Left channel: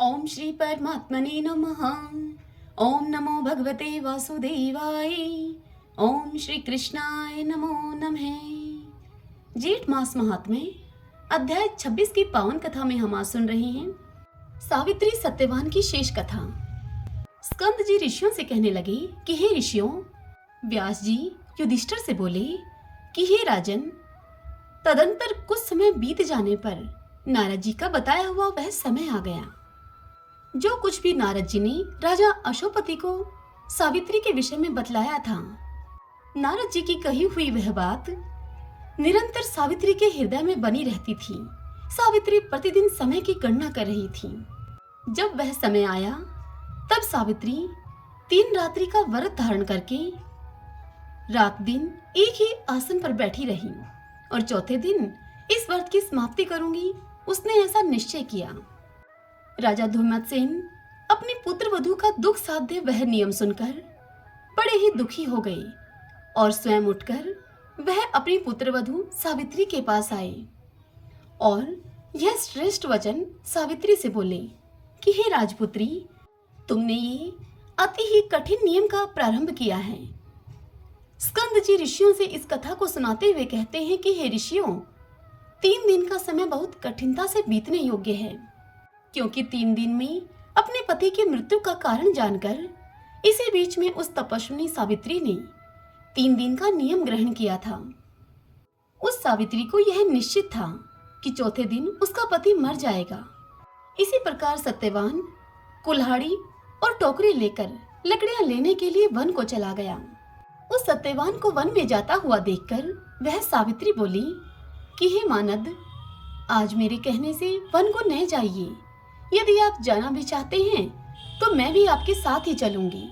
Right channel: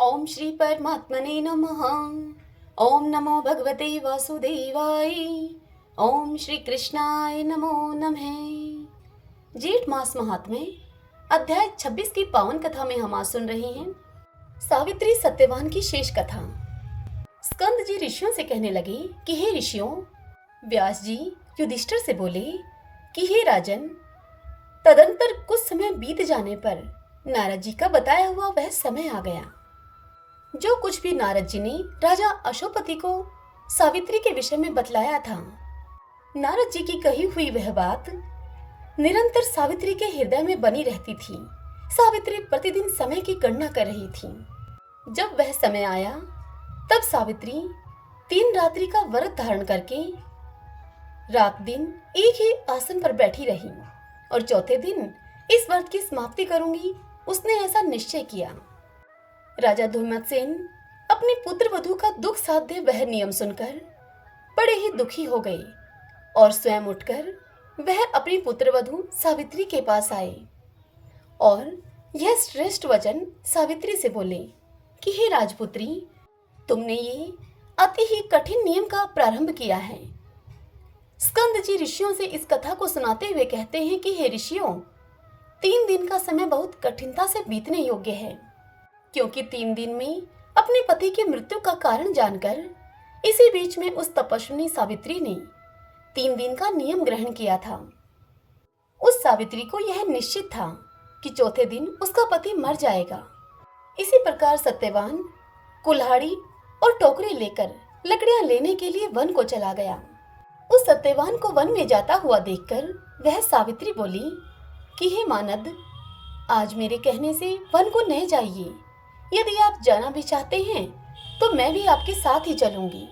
ओम श्री परमात्मने नमः। ओम नमो भगवते वासुदेवाय। ओम श्री कृष्णाय नमो नमः। जेठ मास महात्म्य अध्याय 26 की पावन कथा में हम आज सुन रहे हैं सावित्री सत्यवान की शेष कथा। स्कंद जी ऋषियों से कहने लगे कि हे ऋषियों, व्यास जी युधिष्ठिर से बोले कि हे राजन, तदंतर कुछ समय बीत जाने पर नारद जी का बताया हुआ वह समय आ गया। जो कुछ भी नारद जी ने राजा अशोपति को सावित्री के विषय में बतलाया था, नारद जी की कही हुई वह बात निरंतर सावित्री के हृदय में बनी रहती थी। सावित्री प्रतिदिन समय की गणना कर रही थी। जब वह समय आया तब सावित्री 3 रात्रि का व्रत धारण करके रात दिन एक ही आसन पर बैठी रही और चौथे दिन इस व्रत की समाप्ति करूंगी, उसने ऐसा निश्चय किया। राजा धूमत्सेन अपने पुत्र वधू का दुख साध्य वह नियम सुनकर बड़े ही दुखी हो गए और स्वयं उठकर वह अपनी पुत्र वधू सावित्री के पास आए और यह श्रेष्ठ वचन सावित्री से बोले कि हे राजपुत्री, तुमने ये अति ही कठिन नियम का प्रारंभ किया है। स्कंद जी ऋषियों से इस कथा को सुनाते हुए कहते हैं कि हे ऋषियों, 3 दिन का समय बहुत कठिनता से बीतने योग्य है, क्योंकि 3 दिन में अपने पति की मृत्यु का कारण जानकर इसी बीच में उस तपस्विनी सावित्री ने 3 दिन का नियम ग्रहण किया था। उस सावित्री को यह निश्चित था कि चौथे दिन उसका पति मर जाएगा। इसी प्रकार सत्यवान कुल्हाड़ी और टोकरे लेकर लकड़ियां लेने के लिए वन को चला गया। उस सत्यवान को वन में जाता हुआ देखकर वह सावित्री बोली कि हे मानद, आज मेरे कहने से वन को न जाइए। यदि आप जाना भी चाहते हैं तो मैं भी आपके साथ ही चलूंगी।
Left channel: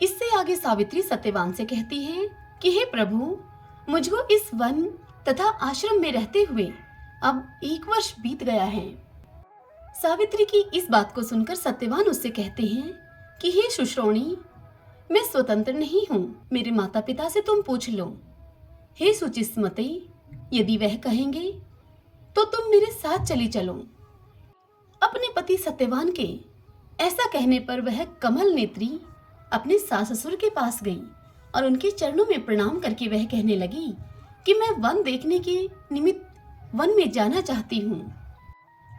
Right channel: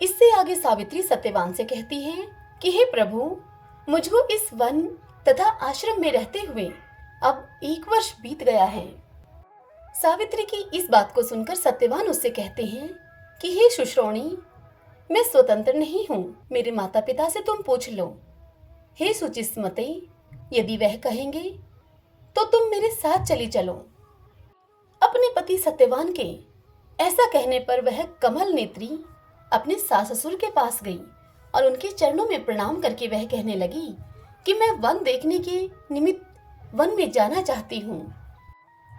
इससे आगे सावित्री सत्यवान से कहती है कि हे प्रभु, मुझको इस वन तथा आश्रम में रहते हुए अब 1 वर्ष बीत गया है। सावित्री की इस बात को सुनकर सत्यवान उससे कहते हैं कि हे सुश्रोणी, मैं स्वतंत्र नहीं हूँ, मेरे माता पिता से तुम पूछ लो। हे सुचिस्मते, यदि वह कहेंगे तो तुम मेरे साथ चली चलो। अपने पति सत्यवान के ऐसा कहने पर वह कमल नेत्री अपने सास ससुर के पास गई और उनके चरणों में प्रणाम करके वह कहने लगी कि मैं वन देखने के निमित्त वन में जाना चाहती हूँ।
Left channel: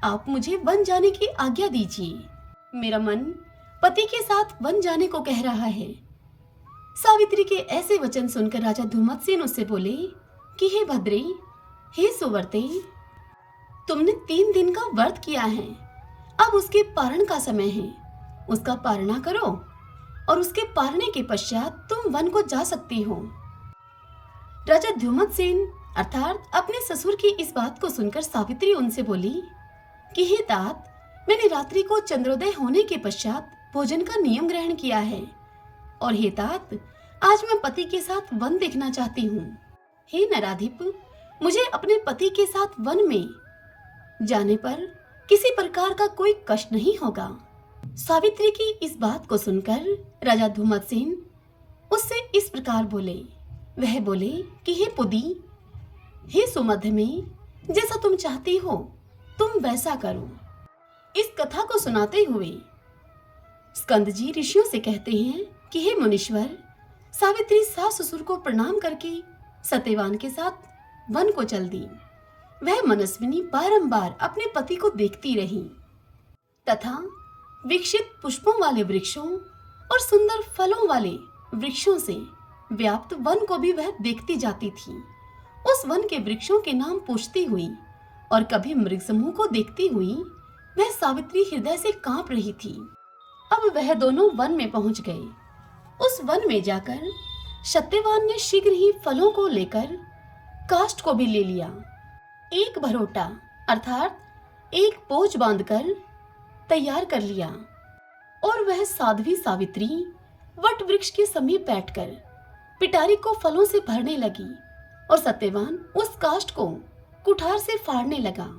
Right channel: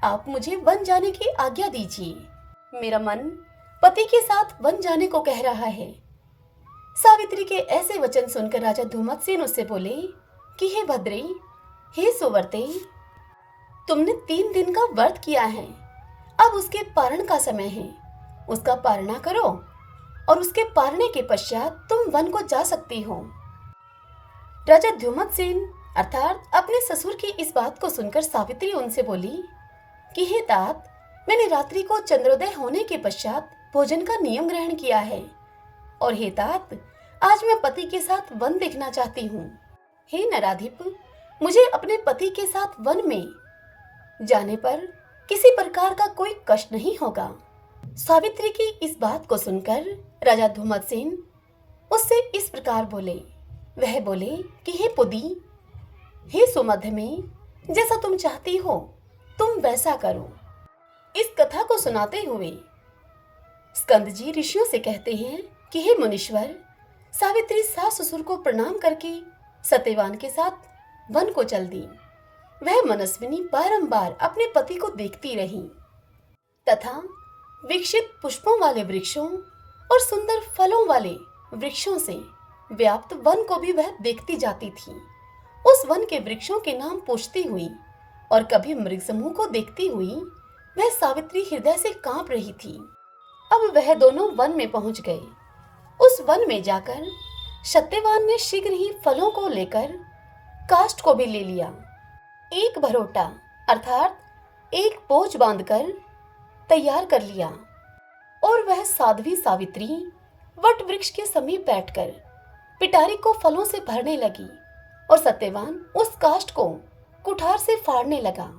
आप मुझे वन जाने की आज्ञा दीजिए। मेरा मन पति के साथ वन जाने को कह रहा है। सावित्री के ऐसे वचन सुनकर राजा धूमत्सेन उससे बोले कि हे भद्रे, हे सुवर्ते, तुमने 3 दिन का व्रत किया है, अब उसके पारण का समय है। उसका पारणा करो और उसके पारने के पश्चात तुम वन को जा सकती हो। राजा धूमत्सेन अर्थात अपने ससुर की इस बात को सुनकर सावित्री उनसे बोली कि हे तात, मैंने रात्रि को चंद्रोदय होने के पश्चात भोजन का नियम ग्रहण किया है और हे तात, आज मैं पति के साथ वन देखना चाहती हूँ। हे नराधिप, मुझे अपने पति के साथ वन में जाने पर किसी प्रकार का कोई कष्ट नहीं होगा। सावित्री की इस बात को सुनकर राजा धूमत्सेन उससे इस प्रकार बोले। वह बोले कि हे पुदी, हे सुमध्य में, जैसा तुम चाहती हो तुम वैसा करो। इस कथा को सुनाते हुए स्कंद जी ऋषियों से कहते हैं कि हे मुनीश्वर, सावित्री सास ससुर को प्रणाम करके सत्यवान के साथ वन को चल दी। वह मनस्विनी बारंबार अपने पति को देखती रही तथा विकसित पुष्पों वाले वृक्षों और सुंदर फलों वाले वृक्षों से व्याप्त वन को भी वह देखती जाती थी। उस वन के वृक्षों के नाम पूछती हुई और कभी मृग समूह को देखती हुई वह सावित्री हृदय से कांप रही थी। अब वह दोनों वन में पहुंच गए। उस वन में जाकर सत्यवान ने शीघ्र ही फलों को लेकर काष्ठ को भी ले लिया। एक भरोटा अर्थात एक बोझ बांधकर तैयार कर लिया और वह साध्वी सावित्री वट वृक्ष के समीप बैठकर पिटारी को फलों से भरने लगी और सत्यवान उस काष्ठ को कुठार से फाड़ने लगा।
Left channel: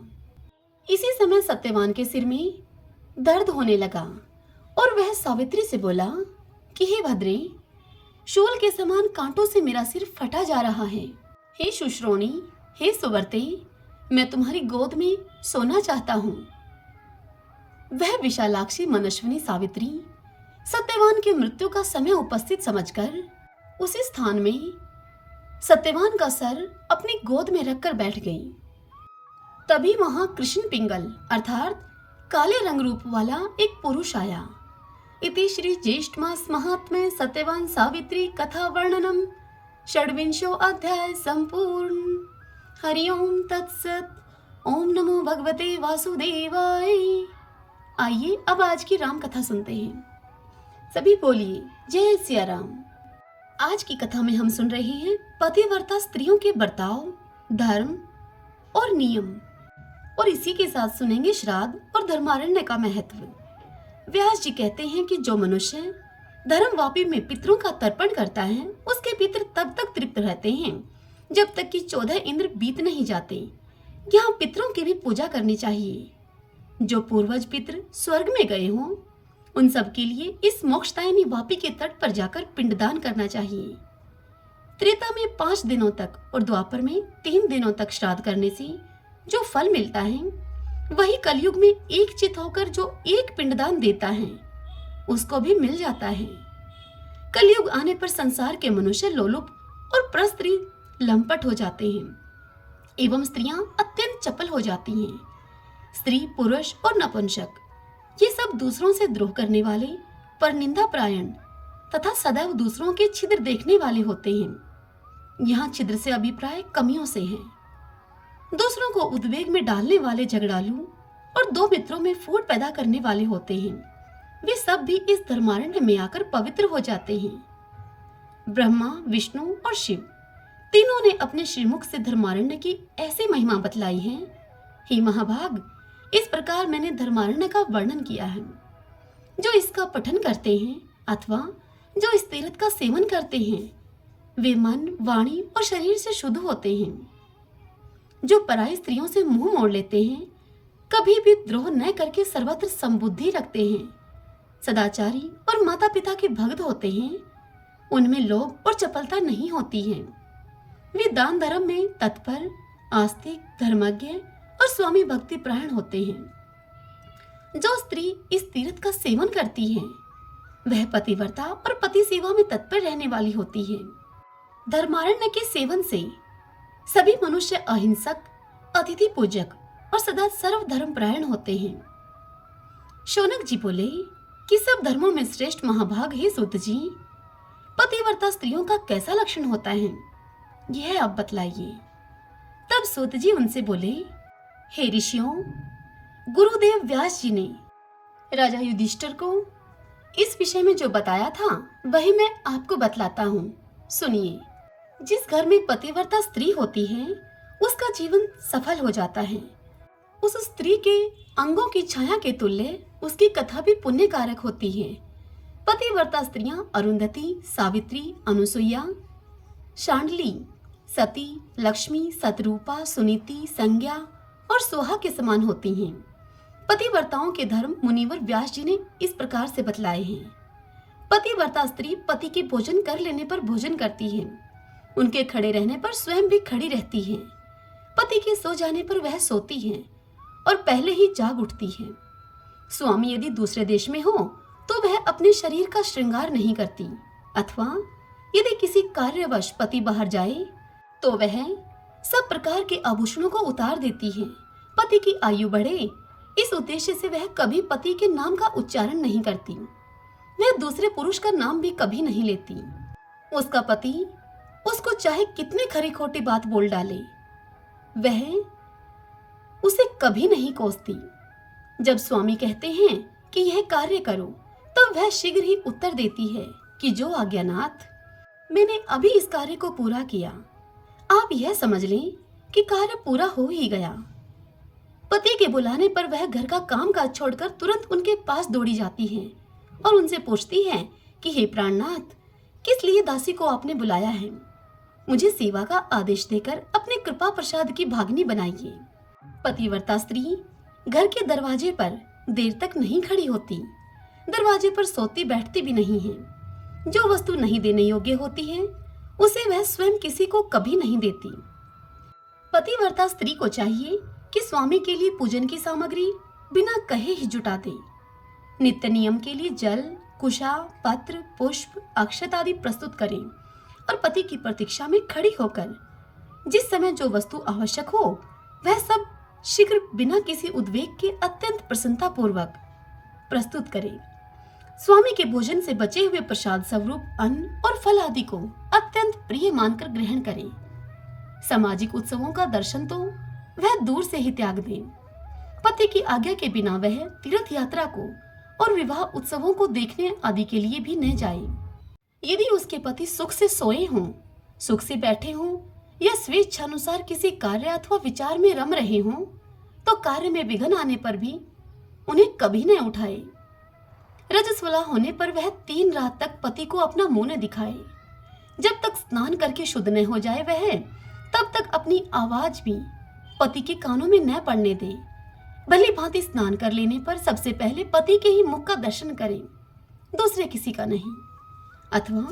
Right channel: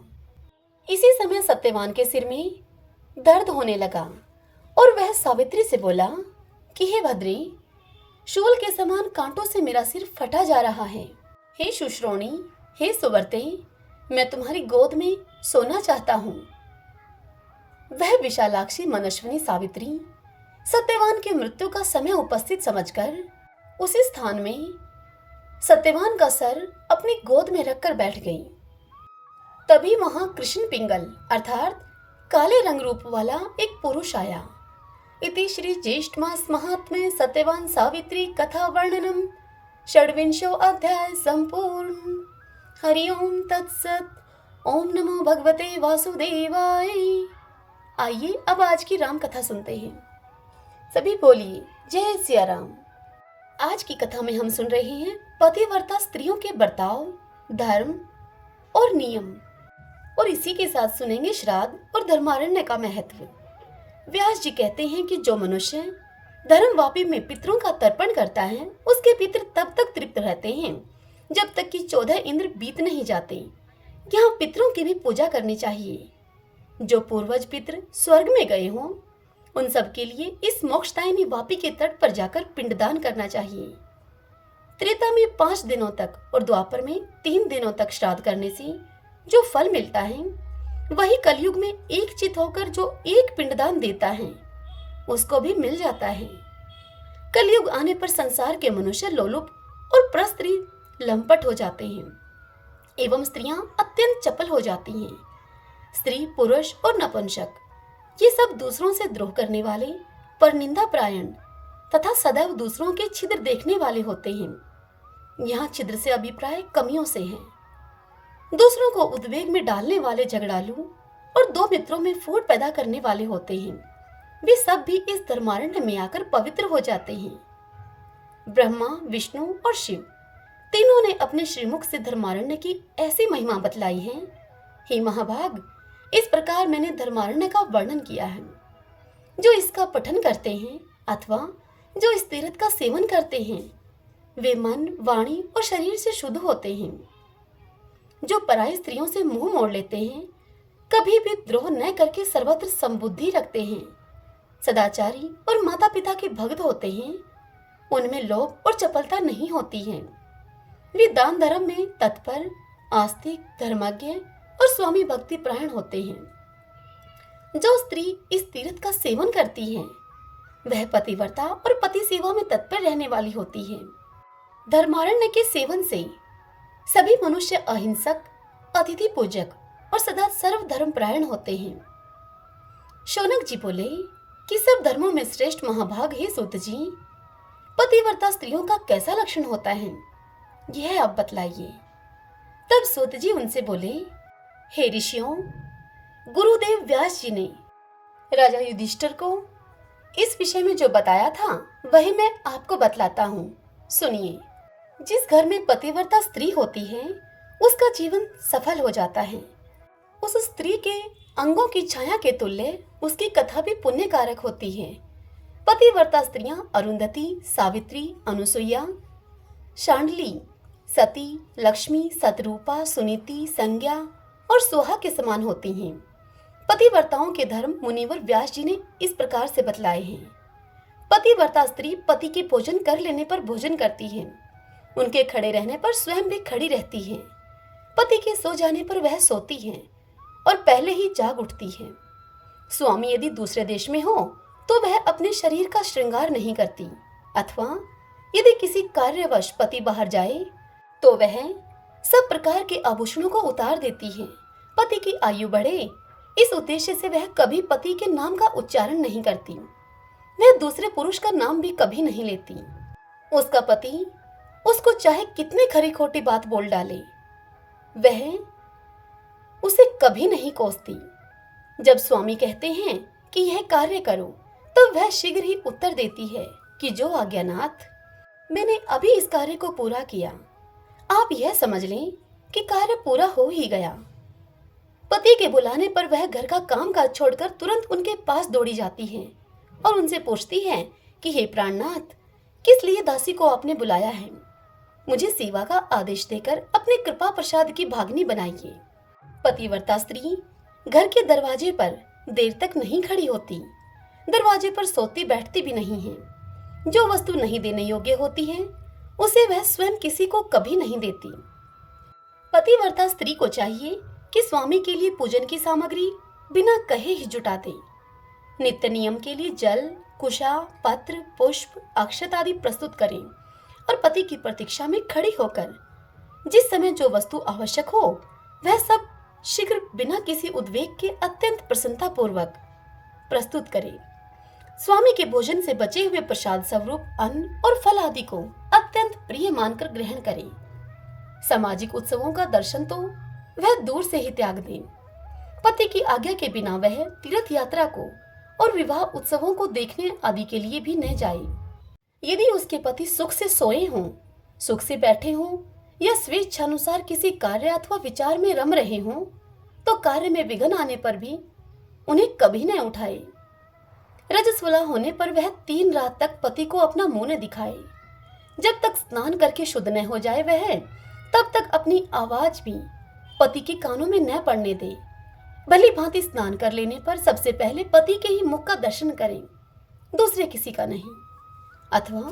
इसी समय सत्यवान के सिर में दर्द होने लगा और वह सावित्री से बोला कि हे भद्रे, शूल के समान कांटों से मेरा सिर फटा जा रहा है। हे शुश्रोणी, हे सुवर्ते, मैं तुम्हारी गोद में सोना चाहता हूँ। वह विशालाक्षी मनस्विनी सावित्री सत्यवान की मृत्यु का समय उपस्थित समझकर उसी स्थान में सत्यवान का सर अपनी गोद में रखकर बैठ गई। तभी वहां कृष्ण पिंगल अर्थात काले रंग रूप वाला एक पुरुष आया। इति श्री ज्येष्ठ मास महात्म्ये सत्यवान सावित्री कथा वर्णनम षड्विंशो अध्याय संपूर्ण। हरि ओम तत्सत। ओम नमो भगवते वासुदेवाय। आइए अब आज की राम कथा सुनते हैं। सभी बोलिए जय सिया राम। आज की कथा में हम सुन रहे हैं पतिव्रता स्त्रियों के बर्ताव, धर्म और नियम, और इसी के साथ सुनेंगे श्राद्ध और धर्मारण्य का महत्व। व्यास जी कहते हैं कि जो मनुष्य धर्मवापी में पितरों का तर्पण करता है उसके पितर तब तक तृप्त रहते हैं जब तक कि 14 इंद्र बीत नहीं जाते। यहाँ पितरों की भी पूजा करनी चाहिए। जो पूर्वज पितर स्वर्ग में गए हों उन सब के लिए इस मोक्षदायिनी वापी के तट पर जाकर पिंडदान करना चाहिए। त्रेता में 5 दिनों तक और द्वापर में 3 दिनों तक श्राद्ध करने से जो फल मिलता है वही कलयुग में एक चित होकर जो एक पिंडदान देता है उसको भी मिल जाता है। कलयुग आने पर संसार के मनुष्य लोलुप और परस्त्री लंपट हो जाते हैं एवं स्त्रियां अत्यंत चपल हो जाती हैं। स्त्री, पुरुष और नपुंसक ये सब दूसरों से द्रोह करने वाले, परनिंदा प्रायण तथा सदैव दूसरों के छिद्र देखने वाले होते हैं। यहाँ छिद्र से अभिप्राय कमियों से है। दूसरों को उद्वेग में डालने वाले झगड़ालू और 2 मित्रों में फूट पैदा करने वाले होते हैं। वे सब भी इस धर्मारण्य में आकर पवित्र हो जाते हैं। ब्रह्मा, विष्णु और शिव तीनों ने अपने श्रीमुख से धर्मारण्य की ऐसी महिमा बतलाई है। हे महाभाग, इस प्रकार मैंने धर्मारण्य का वर्णन किया है। जो इसका पठन करते हैं अथवा जो इस तीर्थ का सेवन करते हैं वे मन, वाणी और शरीर से शुद्ध होते हैं। जो पराई स्त्रियों से मुंह मोड़ लेते हैं, कभी भी द्रोह न करके सर्वत्र संबुद्धि रखते हैं, सदाचारी और माता पिता के भक्त होते हैं, उनमें लोभ और चपलता नहीं होती है। वे दान धर्म में तत्पर, आस्तिक, धर्मज्ञ और स्वामी भक्ति प्राण होते हैं। जो स्त्री इस तीर्थ का सेवन करती है वह पतिव्रता और पति सेवा में तत्पर रहने वाली होती है। धर्मारण्य के सेवन से सभी मनुष्य अहिंसक, अतिथि पूजक और सदा सर्व धर्म प्रायण होते हैं। शौनक जी बोले कि सब धर्मों में श्रेष्ठ महाभाग है सूत जी, पतिव्रता स्त्रियों का कैसा लक्षण होता है यह आप बतलाइए। तब सूत जी उनसे बोले, हे ऋषियों, गुरुदेव व्यास जी ने राजा युधिष्ठिर को इस विषय में जो बताया था वही मैं आपको बतलाता हूँ, सुनिए। जिस घर में पतिव्रता स्त्री होती है उसका जीवन सफल हो जाता है। उस स्त्री के अंगों की छाया के तुल्य उसकी कथा भी पुण्य कारक होती है। पतिव्रता स्त्रियां अरुंधति, सावित्री, अनुसुईया, शांडली, सती, लक्ष्मी, सतरूपा, सुनीति, संज्ञा और सोहा के समान होती हैं। पतिव्रताओं के धर्म मुनिवर व्यास जी ने इस प्रकार से बतलाए हैं। पतिव्रता स्त्री पति के भोजन कर लेने पर भोजन करती है, उनके खड़े रहने पर स्वयं भी खड़ी रहती है, पति के सो जाने पर वह सोती है और पहले ही जाग उठती है। स्वामी यदि दूसरे देश में हो तो वह अपने शरीर का श्रृंगार नहीं करती, अथवा यदि किसी कार्यवश पति बाहर जाए तो वह सब प्रकार के आभूषणों को उतार देती है। पति की आयु बढ़े इस उद्देश्य से वह कभी पति के नाम का उच्चारण नहीं करती। वह दूसरे पुरुष का नाम भी कभी नहीं लेती। उसका पति उसको चाहे कितने खरी खोटी बात बोल डाले वह उसे कभी नहीं कोसती। जब स्वामी कहते हैं कि यह कार्य करो तो वह शीघ्र ही उत्तर देती है कि जो आज्ञानाथ, मैंने अभी इस कार्य को पूरा किया, आप यह समझ लें कि कार्य पूरा हो ही गया। पति के बुलाने पर वह घर का कामकाज छोड़कर तुरंत उनके पास दौड़ी जाती है और उनसे पूछती है कि हे प्राणनाथ, किस लिए दासी को आपने बुलाया है? मुझे सेवा का आदेश देकर अपने कृपा प्रसाद की भागनी बनाइए। पतिव्रता स्त्री घर के दरवाजे पर देर तक नहीं खड़ी होती, दरवाजे पर सोती बैठती भी नहीं है। जो वस्तु नहीं देने योग्य होती है उसे वह स्वयं किसी को कभी नहीं देती। पतिव्रता स्त्री को चाहिए कि स्वामी के लिए पूजन की सामग्री बिना कहे ही जुटा दे। नित्य नियम के लिए जल, कुशा, पत्र, पुष्प, अक्षत आदि प्रस्तुत करें और पति की प्रतीक्षा में खड़ी होकर जिस समय जो वस्तु आवश्यक हो वह सब शीघ्र बिना किसी उद्वेग के अत्यंत प्रसन्नता पूर्वक प्रस्तुत करें। स्वामी के भोजन से बचे हुए प्रसाद स्वरूप अन्न और फल आदि को अत्यंत प्रिय मानकर ग्रहण करें। सामाजिक उत्सवों का दर्शन तो वह दूर से ही त्याग दें। पति की आज्ञा के बिना वह तीर्थ यात्रा को और विवाह उत्सवों को देखने आदि के लिए भी न जाए। यदि उसके पति सुख से सोए हों, सुख से बैठे हों या स्वेच्छानुसार किसी कार्य अथवा विचार में रम रहे हों, तो कार्य में विघ्न आने पर भी उन्हें कभी न उठाए। रजस्वला होने पर वह 3 रात तक पति को अपना मुंह न दिखाए। जब तक स्नान करके शुद्ध न हो जाए वह तब तक अपनी आवाज भी पति के कानों में न पड़ने दे। भली भांति स्नान कर लेने पर सबसे पहले पति के ही मुख का दर्शन करें, दूसरे किसी का नहीं। अथवा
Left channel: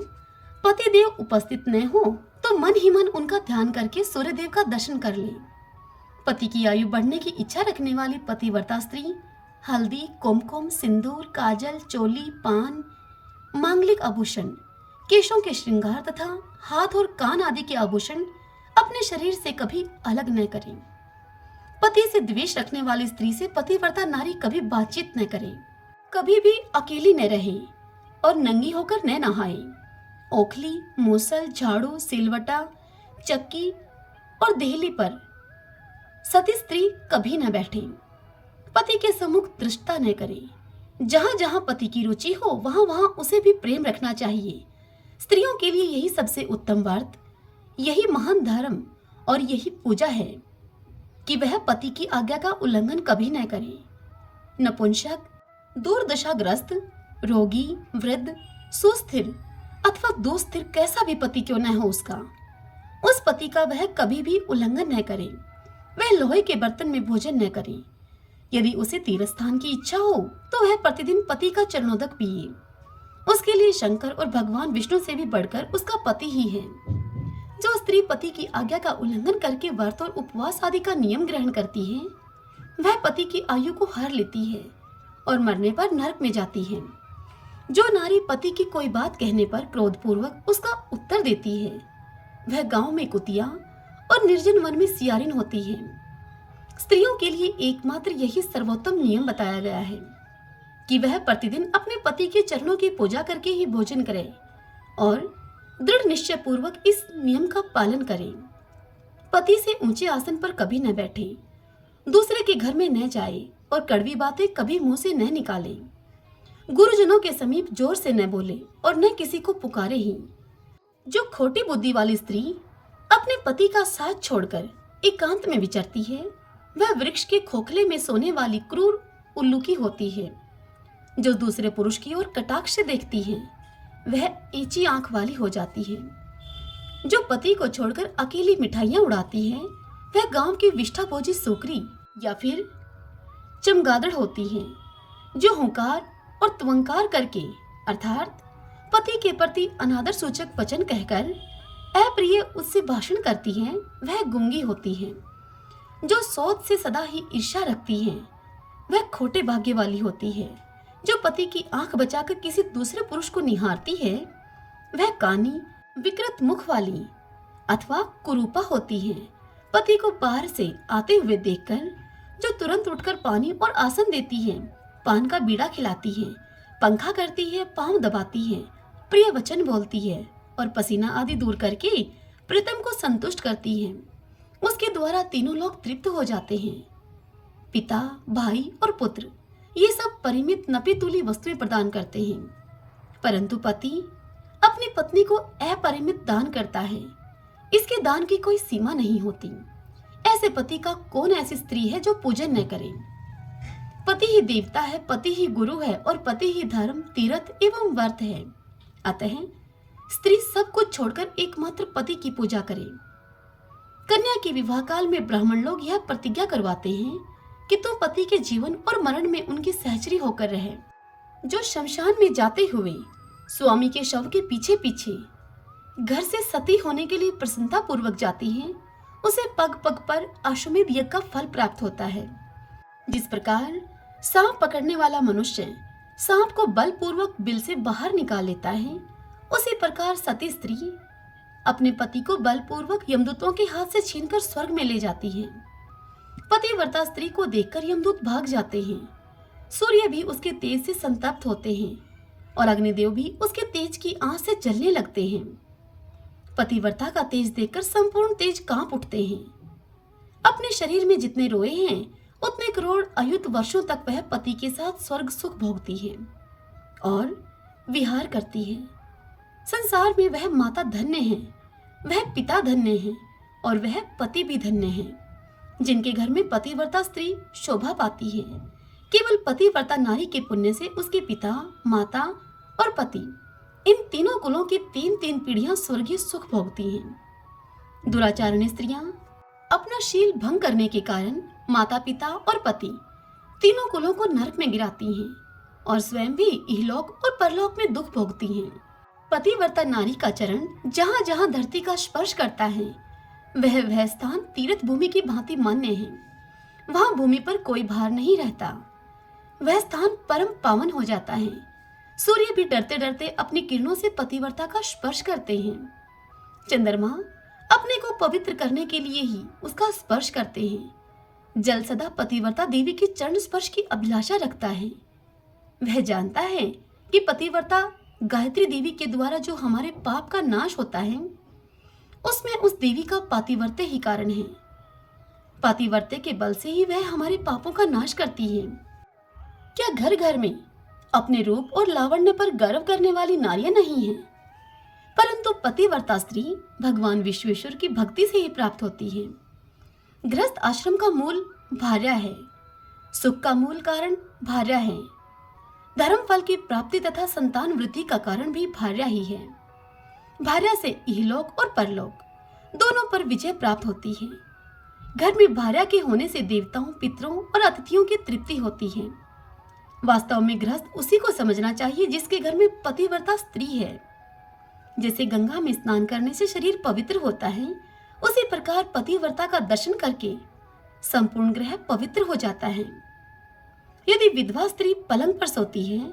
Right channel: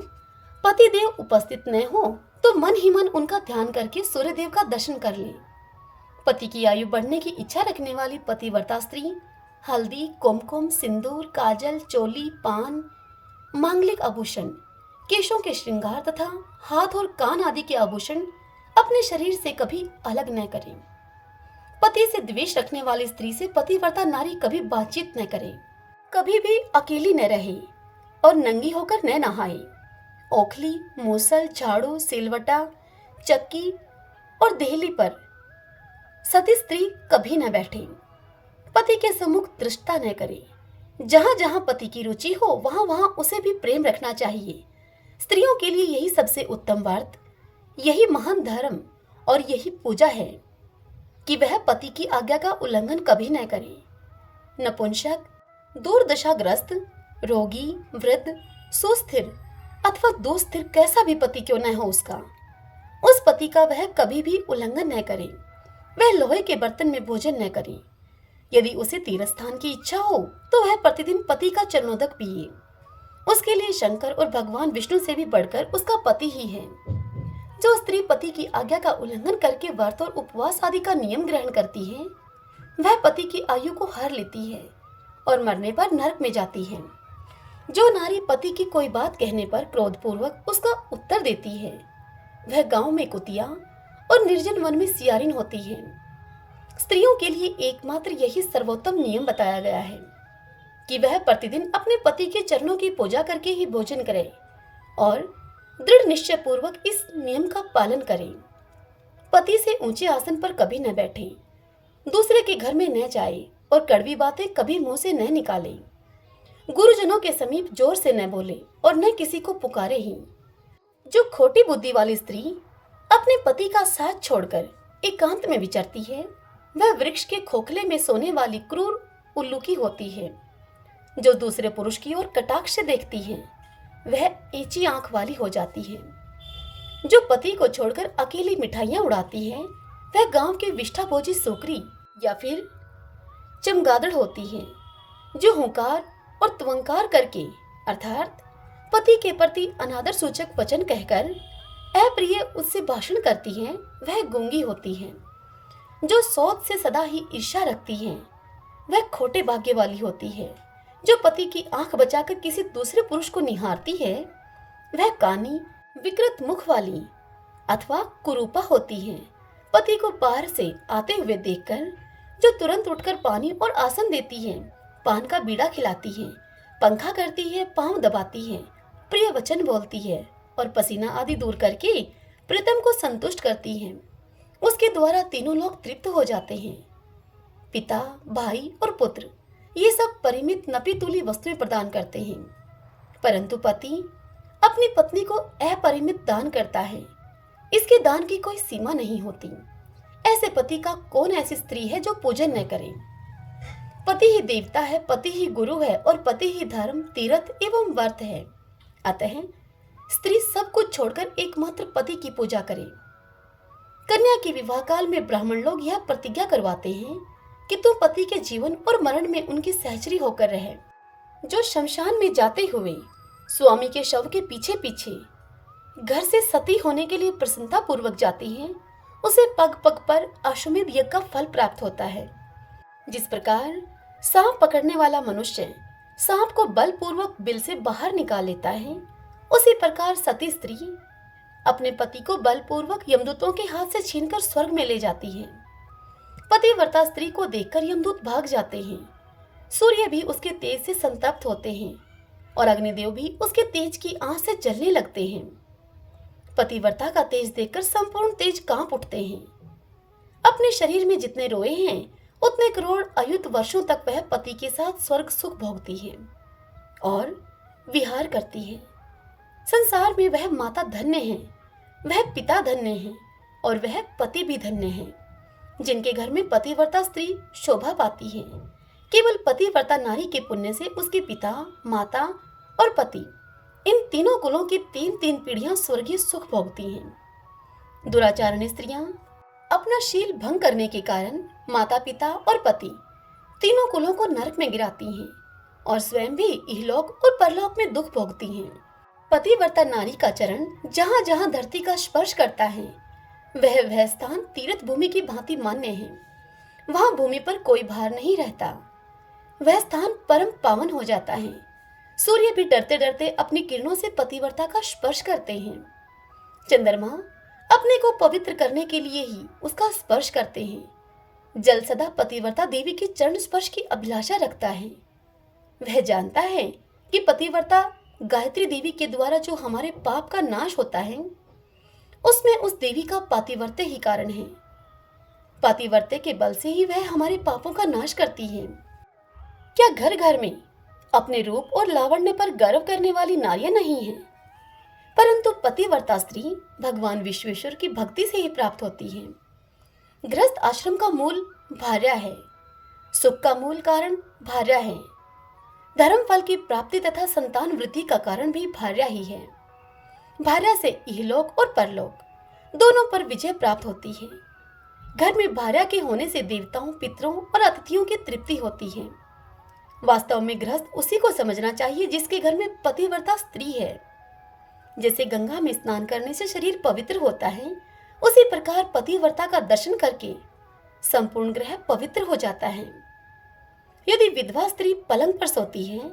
पति देव उपस्थित न हो तो मन ही मन उनका ध्यान करके सूर्य देव का दर्शन कर ले। पति की आयु बढ़ने की इच्छा रखने वाली पतिव्रता स्त्री हल्दी, कुमकुम, सिंदूर, काजल, चोली, पान, मांगलिक आभूषण, केशों के श्रृंगार तथा हाथ और कान आदि के आभूषण अपने शरीर से कभी अलग न करें। पति से द्वेष रखने वाली स्त्री से पतिव्रता नारी कभी बातचीत न करे, कभी भी अकेली न रहे और नंगी होकर न नहाए। ओखली, मूसल, झाड़ू, सिलवटा, चक्की और देहली पर सती स्त्री कभी न बैठे। पति के सम्मुख दृष्टता न करे। जहां जहां पति की रुचि हो वहां वहां उसे भी प्रेम रखना चाहिए। स्त्रियों के लिए यही सबसे उत्तम व्रत, यही महान धर्म और यही पूजा है कि वह पति की आज्ञा का उल्लंघन कभी न करे। नपुंसक, दुर्दशाग्रस्त, रोगी, वृद्ध, सुस्थिर अथवा दुस्थिर कैसा भी पति क्यों न हो उसका, उस पति का वह कभी भी उल्लंघन न करे। वह लोहे के बर्तन में भोजन न करे। यदि उसे तीर्थ स्थान की इच्छा हो तो वह प्रतिदिन पति का चरणोदक पिए। उसके लिए शंकर और भगवान विष्णु से भी बढ़कर उसका पति ही है। जो स्त्री पति की आज्ञा का उल्लंघन करके व्रत और उपवास आदि का नियम ग्रहण करती है वह पति की आयु को हर लेती है और मरने पर नरक में जाती है। जो नारी पति की कोई बात कहने पर क्रोधपूर्वक उसका उत्तर देती है वह गांव में कुतिया और निर्जन वन में सियारिन होती है। स्त्रियों के लिए एकमात्र यही सर्वोत्तम नियम बताया गया है कि वह प्रतिदिन अपने पति के चरणों की पूजा करके ही भोजन करे और दृढ़ निश्चय पूर्वक इस नियम का पालन करें। पति से ऊंचे आसन पर कभी न बैठे, दूसरे के घर में न जाए और कड़वी बातें कभी मुंह से न निकाले। गुरुजनों के समीप जोर से न बोले और न किसी को पुकारे ही। जो खोटी बुद्धि वाली स्त्री अपने पति का साथ छोड़कर एकांत में विचरती है वह वृक्ष के खोखले में सोने वाली क्रूर उल्लू की होती है। जो दूसरे पुरुष की ओर कटाक्ष से देखती है वह ऊंची आंख वाली हो जाती है। जो पति को छोड़कर अकेली मिठाइयां उड़ाती है वह गांव की विष्ठाभोजी सोकरी या फिर चमगादड़ होती है। जो हुंकार और त्वंकार करके अर्थात पति के प्रति अनादर सूचक वचन कहकर अप्रिय उससे भाषण करती है वह गूंगी होती है। जो सोच से सदा ही ईर्ष्या रखती है वह खोटे भाग्य वाली होती है। जो पति की आंख बचाकर किसी दूसरे पुरुष को निहारती है वह कानी, विकृत मुख वाली अथवा कुरूपा होती है। पति को बाहर से आते हुए देखकर जो तुरंत उठकर पानी और आसन देती है, पान का बीड़ा खिलाती है, पंखा करती है, पांव दबाती है, प्रिय वचन बोलती है और पसीना आदि दूर करके प्रीतम को संतुष्ट करती है, उसके द्वारा तीनों लोग तृप्त हो जाते हैं। पिता, भाई और पुत्र ये सब परिमित नपीतुली वस्तुएं प्रदान करते हैं, परंतु पति अपनी पत्नी को अपरिमित दान करता है। इसके दान की कोई सीमा नहीं होती। ऐसे पति का कौन ऐसी स्त्री है जो पूजन न करे। पति ही देवता है, पति ही गुरु है और पति ही धर्म, तीर्थ एवं व्रत है। अतः स्त्री सब कुछ छोड़कर एकमात्र पति की पूजा करे। कन्या के विवाह काल में ब्राह्मण लोग यह प्रतिज्ञा करवाते हैं कि तू पति के जीवन और मरण में उनकी सहचरी होकर रहे। जो शमशान में जाते हुए स्वामी के शव के पीछे पीछे घर से सती होने के लिए प्रसन्नता पूर्वक जाती है उसे पग पग पर अश्वमेध यज्ञ का फल प्राप्त होता है। जिस प्रकार सांप पकड़ने वाला मनुष्य सांप को बलपूर्वक बिल से बाहर निकाल लेता है, उसी प्रकार सती स्त्री अपने पति को बलपूर्वक यमदूतों के हाथ से छीनकर स्वर्ग में ले जाती है। पतिव्रता स्त्री को देखकर यमदूत भाग जाते हैं। सूर्य भी उसके तेज से संतप्त होते हैं और अग्निदेव भी उसके तेज की आंच से जलने लगते हैं। पतिव्रता का तेज देखकर संपूर्ण तेज कांप उठते हैं। अपने शरीर में जितने रोए हैं उतने करोड़ अयुत वर्षों तक वह पति के साथ स्वर्ग सुख भोगती है और विहार करती है। संसार में वह माता धन्य है, वह पिता धन्य है और वह पति भी धन्य है, जिनके घर में पतिव्रता स्त्री शोभा पाती है। केवल पतिव्रता नारी के पुण्य से उसके पिता, माता और पति, इन तीनों कुलों की तीन तीन पीढ़ियां स्वर्गीय सुख भोगती हैं। दुराचारणी स्त्रियां अपना शील भंग करने के कारण माता पिता और पति तीनों कुलों को नरक में गिराती हैं और स्वयं भी इहलोक और परलोक में दुख भोगती हैं। पतिव्रता नारी का चरण जहाँ जहाँ धरती का स्पर्श करता है वह स्थान तीर्थ भूमि की भांति मान्य है। वहाँ भूमि पर कोई भार नहीं रहता, वह स्थान परम पावन हो जाता है। सूर्य भी डरते डरते अपनी किरणों से पतिव्रता का स्पर्श करते हैं। चंद्रमा अपने को पवित्र करने के लिए ही उसका स्पर्श करते हैं। जल सदा पतिव्रता देवी के चरण स्पर्श की अभिलाषा रखता है। वह जानता है कि पतिव्रता गायत्री देवी के द्वारा जो हमारे पाप का नाश होता है उसमें उस देवी का पातिव्रत्य ही कारण है। पातिव्रत्य के बल से ही वह हमारे पापों का नाश करती है। क्या घर घर में अपने रूप और लावण्य पर गर्व करने वाली नारियां नहीं हैं? परंतु पतिव्रता स्त्री भगवान विश्वेश्वर की भक्ति से ही प्राप्त होती है। गृहस्थ आश्रम का मूल भार्या है, सुख का मूल कारण भार्या है, धर्म फल की प्राप्ति तथा संतान वृद्धि का कारण भी भार्या ही है। भार्या से इहलोक और परलोक दोनों पर विजय प्राप्त होती है। घर में भार्या के होने से देवताओं, पितरों और अतिथियों की तृप्ति होती है। वास्तव में गृहस्थ उसी को समझना चाहिए जिसके घर में पतिव्रता स्त्री है। जैसे गंगा में स्नान करने से शरीर पवित्र होता है, उसी प्रकार पतिव्रता का दर्शन करके संपूर्ण ग्रह पवित्र हो जाता है। यदि विधवा स्त्री पलंग पर सोती है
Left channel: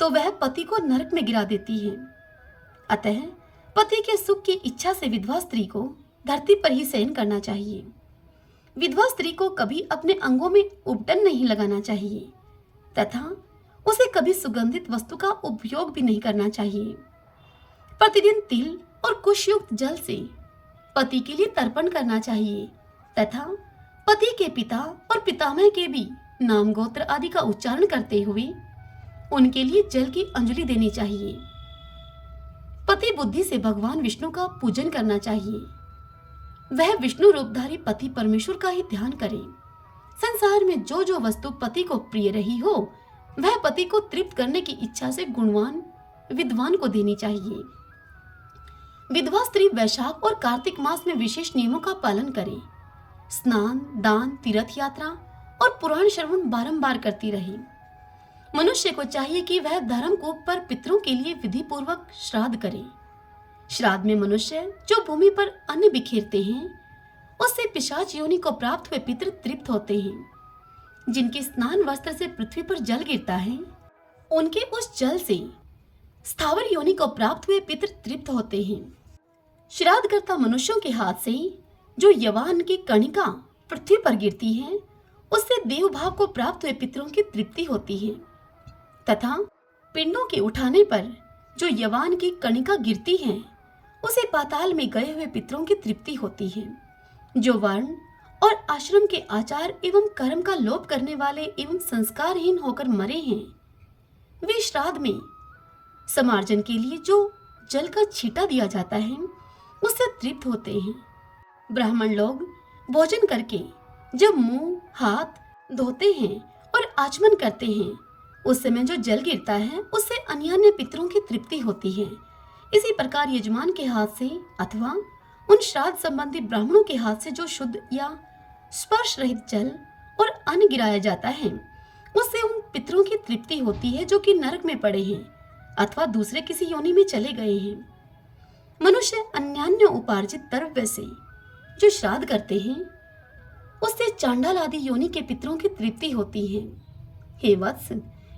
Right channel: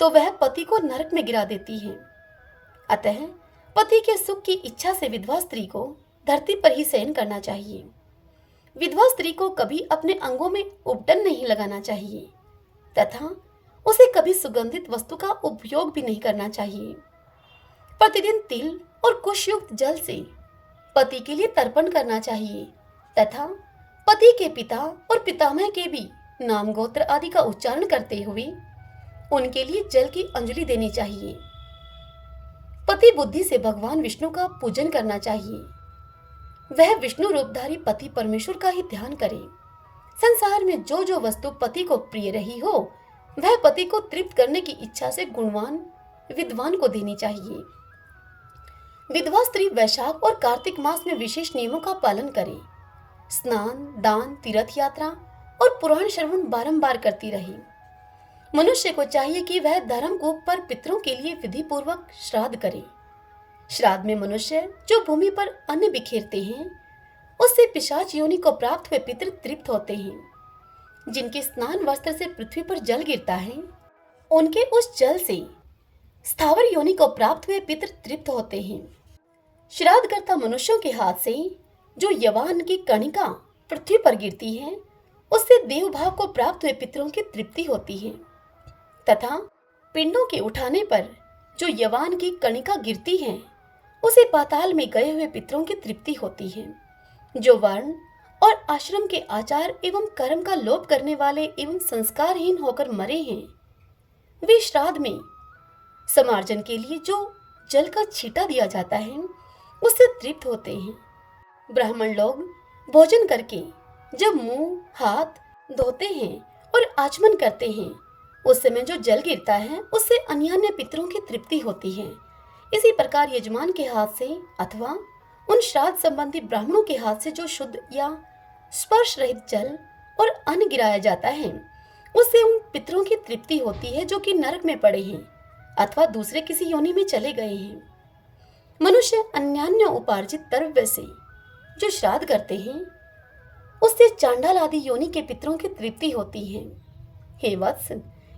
तो वह पति को नरक में गिरा देती है। अतः पति के सुख की इच्छा से विधवा स्त्री को धरती पर ही शयन करना चाहिए। विधवा स्त्री को कभी अपने अंगों में उपटन नहीं लगाना चाहिए तथा उसे कभी सुगंधित वस्तु का उपयोग भी नहीं करना चाहिए। प्रतिदिन तिल और कुश युक्त जल से पति के लिए तर्पण करना चाहिए तथा पति के पिता और पितामह के भी नाम गोत्र आदि का उच्चारण करते हुए उनके लिए जल की अंजलि देनी चाहिए। पति बुद्धि से भगवान विष्णु का पूजन करना चाहिए। वह विष्णु रूपधारी पति परमेश्वर का ही ध्यान करे। संसार में जो जो वस्तु पति को प्रिय रही हो वह पति को तृप्त करने की इच्छा से गुणवान विद्वान को देनी चाहिए। विधवा स्त्री वैशाख और कार्तिक मास में विशेष नियमों का पालन करे। स्नान, दान, तीर्थ यात्रा और पुराण श्रवण बारंबार करती रहे। मनुष्य को चाहिए कि वह धर्मकूप पर पितरों के लिए विधि पूर्वक श्राद्ध करे। श्राद्ध में मनुष्य जो भूमि पर अन्न बिखेरते हैं उससे पिशाच योनि को प्राप्त हुए पितर तृप्त होते हैं। जिनके स्नान वस्त्र से पृथ्वी पर जल गिरता है उनके उस जल से स्थावर योनि को प्राप्त हुए पितर तृप्त होते हैं। श्राद्धकर्ता मनुष्यों के हाथ से जो यवान की कणिका पृथ्वी पर गिरती है उससे देव भाव को प्राप्त हुए पितरों की तृप्ति होती है तथा पिंडों के उठाने पर जो यवान की कणिका गिरती है उसे पाताल में गए हुए पितरों की तृप्ति होती है। जो वर्ण और आश्रम के आचार एवं कर्म का लोप करने वाले एवं संस्कारहीन होकर मरे हैं वे श्राद्ध में समार्जन के लिए जो जल का छींटा दिया जाता है उससे तृप्त होते हैं। ब्राह्मण लोग भोजन करके जब मुंह हाथ धोते हैं और आचमन करते हैं उस समय जो जल गिरता है उससे अन्यान्य पितरों की तृप्ति होती है। इसी प्रकार यजमान के हाथ से अथवा उन श्राद्ध संबंधी ब्राह्मणों के हाथ से जो शुद्ध या स्पर्श रहित जल और अन्न गिराया जाता है उससे उन पितरों की तृप्ति होती है जो कि नरक में पड़े हैं अथवा दूसरे किसी योनि में चले गए हैं। मनुष्य अन्यान्य उपार्जित द्रव्य से जो श्राद्ध करते हैं उससे चांडाल आदि योनि के पितरों की तृप्ति होती है। हे वत्स,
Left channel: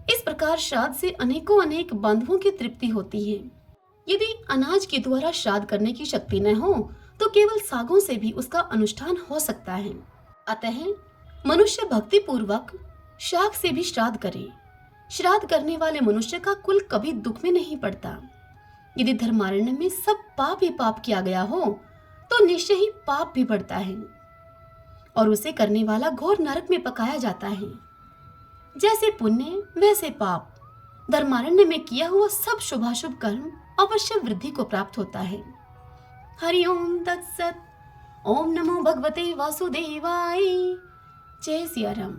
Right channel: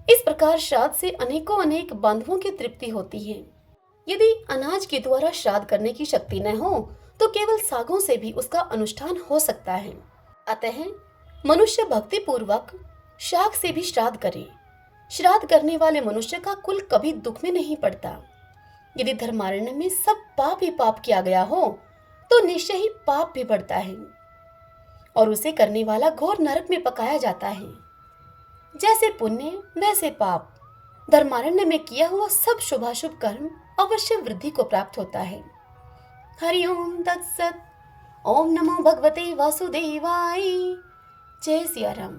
इस प्रकार श्राद्ध से अनेकों अनेक बांधवों की तृप्ति होती है। यदि अनाज के द्वारा श्राद्ध करने की शक्ति न हो तो केवल सागों से भी उसका अनुष्ठान हो सकता है। अतः मनुष्य भक्ति पूर्वक शाक से भी श्राद्ध करे। श्राद्ध करने वाले मनुष्य का कुल कभी दुख में नहीं पड़ता। यदि धर्मारण्य में सब पाप ही पाप किया गया हो तो निश्चय ही पाप भी बढ़ता है और उसे करने वाला घोर नरक में पकाया जाता है। जैसे पुण्य वैसे पाप, धर्मारण्य में किया हुआ सब शुभाशुभ कर्म अवश्य वृद्धि को प्राप्त होता है। हरि ओम तत्सत। ओम नमो भगवते वासुदेवाय। जय सिया राम।